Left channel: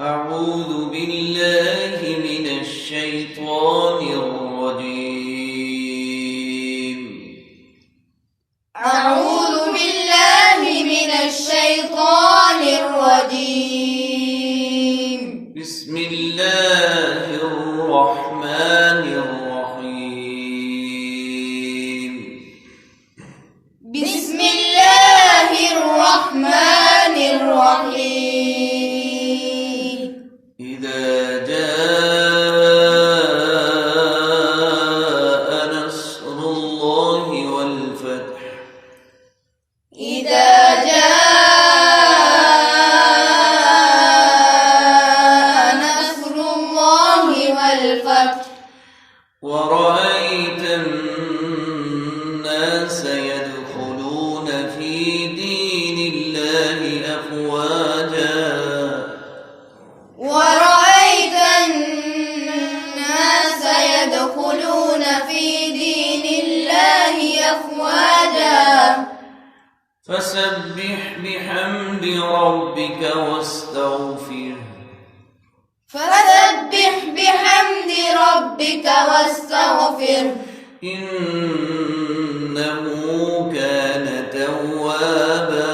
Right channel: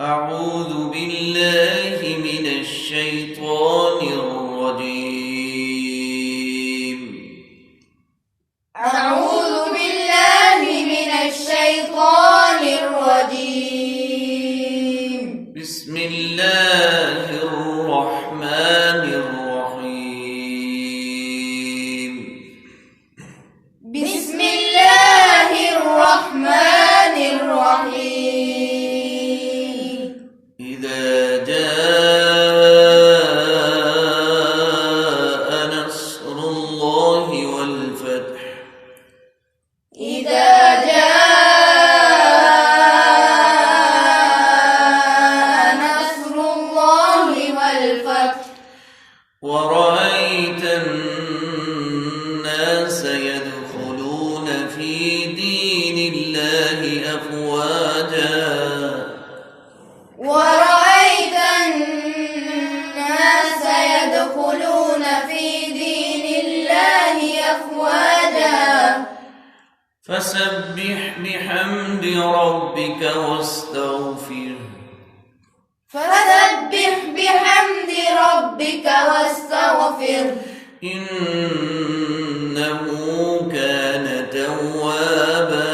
أعوذ بالله من الشيطان الرجيم. أعوذ بالله من الشيطان الرجيم. بسم الله الرحمن الرحيم. بسم الله الرحمن الرحيم. إذا جاء نصر الله والفتح. إذا جاء نصر الله والفتح. ورأيت الناس يدخلون في دين الله أفواجا. ورأيت الناس يدخلون في دين الله أفواجا. فسبح بحمد ربك واستغفره. فسبح بحمد ربك واستغفره. إنه كان توابا.